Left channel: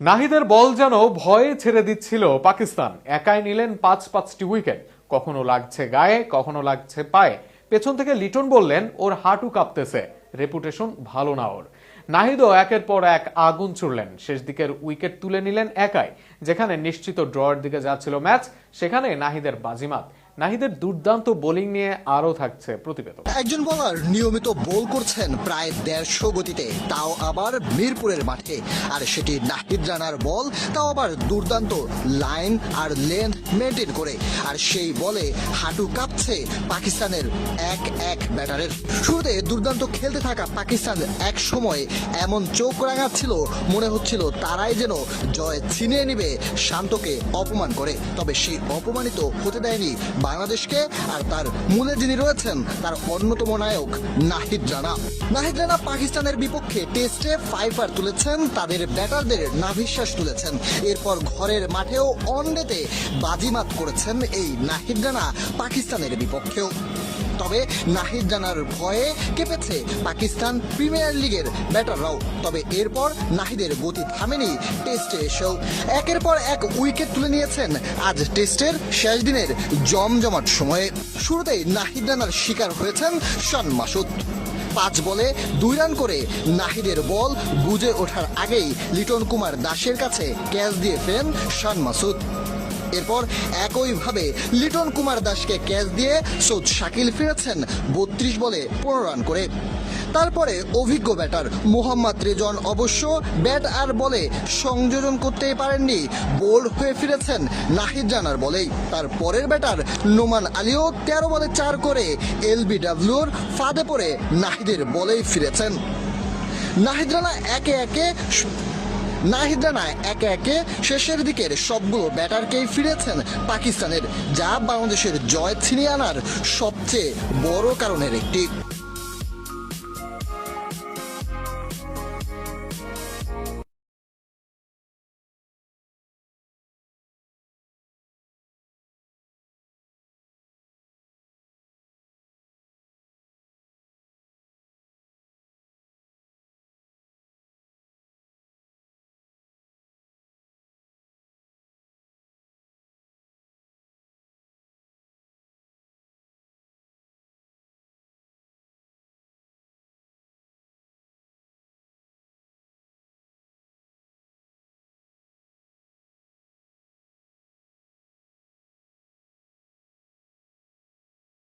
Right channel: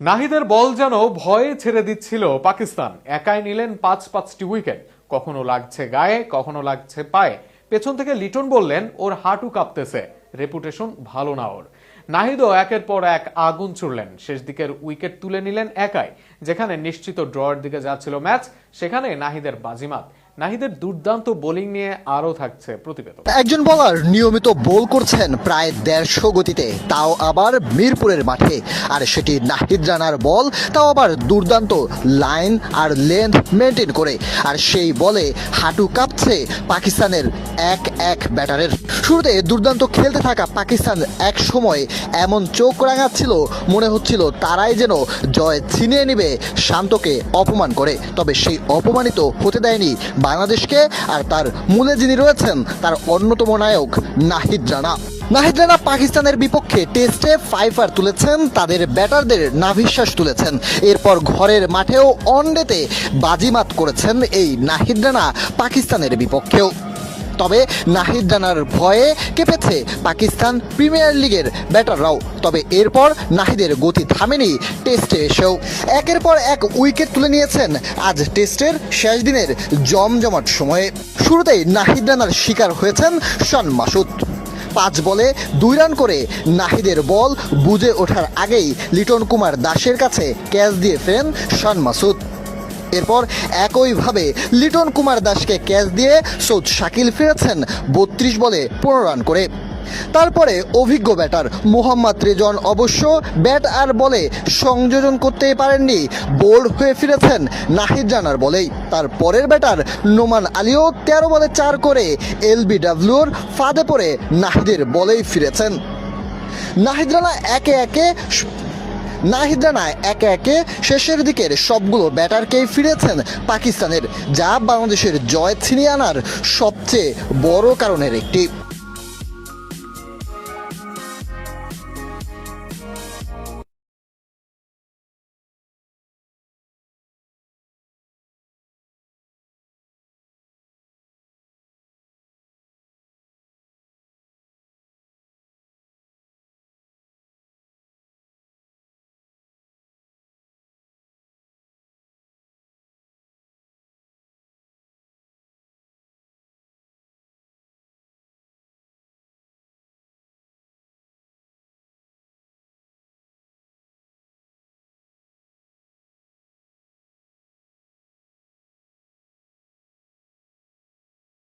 নাহিদের বল যেন ভয়ে ছেড়ে দিচ্ছিল পাকিস্তান। একাই নিলেন পাঁচটি উইকেট। কখনো লাগছে গায়ে, কখনো লাগছে পায়ে। পেছন থেকে লিটন বললেন ওর হাঁটু কাঁপতেছে, রেপুটেশন ভালো না ওর। নাহিদও একের পর এক আগুন ছুড়লেন। শেষ দিকের উইকেট তুলে নিলেন একাই। যেখানে নিশ্চিত ড্রয়ের দিকে যাচ্ছিল ম্যাচ, সেখানে নাহিদের বাজিমাত। নাহিদের দুর্দান্ত বোলিং নিয়ে আরও থাকছে প্রতিবেদন। একজন বোলার নিয়মিত বোল করছেন প্রায় 150 গতিতে, তাও আবার মিরপুরের মাঠে। আর সেটি নাহিদ রানার বল, তাও আবার দুর্দান্ত লাইন আর লেন্থ মেনটেন করে। আর সেই বলে হাঁটু কাঁপছে পাকিস্তানের এক ব্যাটারের। শুরুতে দুর্দান্ত খেলতে থাকা পাকিস্তান এক সময় এমন চোখ রাঙাচ্ছিল, মনে হচ্ছিল তারাই যেন জয় ছিনিয়ে নিবে শান্তকে অপমান করে। তবে সেই অপমানিত হতে দেয়নি বাংলাদেশকে। আর তার মূলে যিনি রয়েছেন তার অন্যতম নায়ক নাহিদ রানা। নাহিদ রানা পাকিস্তানের বিপক্ষে টেস্টে ফাইফার তুলেছেন, তাদের ব্যাটারদের নাভিশ্বাস তুলেছেন। এরপর ঘরের মাঠেও ওয়ানডেতে বাজিমাত করেছেন এই নাহিদ রানা পাকিস্তানের বিপক্ষেও। তবে নাহিদ রানার ভয়ে কেঁপেছে পাকিস্তান প্রিমিয়ার লিগের ব্যাটাররাও। তবে এরপর নাহিদের গতি থামেনি টেস্টে এসেও। একের পর এক উইকেট তুলে নিয়েছেন আজ টেস্টের শেষ দিনের জমজমাট সময়ে। শুরুতেই নাহিদ রানার শিকার হয়েছেন শন মাসুদ। 5 বলে 2 রান করে নাহিদের বল বুঝে ওঠার আগেই লিটন কুমার দাসের কাছে ক্যাচ দিয়ে ফেরেন শন মাসুদ। এরপর একইভাবে লিটন কুমার দাসকে ক্যাচ দিয়ে সৌদ শাকিল ফিরেছেন 32 বলে 15 রান করে। তারপরে অভিজ্ঞ ব্যাটার মোহাম্মদ রেজন অবশ্য ব্যাট আর বলে সংযোজন করতেই পারেননি, বোল্ড হয়ে ফিরেছেন নাহিদ রানার বলেই। তার পরের ব্যাটার নোমান আলীও 13 বলে 4 করে এলবিডব্লিউর ফাঁদে পড়ে নাহিদের বলেই ফিরেছেন। নাহিদ রানা একে একে শেষের দিকের সবগুলো ব্যাটারকেই ফিরেছেন পাকিস্তানের, যা বাংলাদেশের জয় ছিনিয়ে আনার সবচেয়ে বড় কারণের একটি।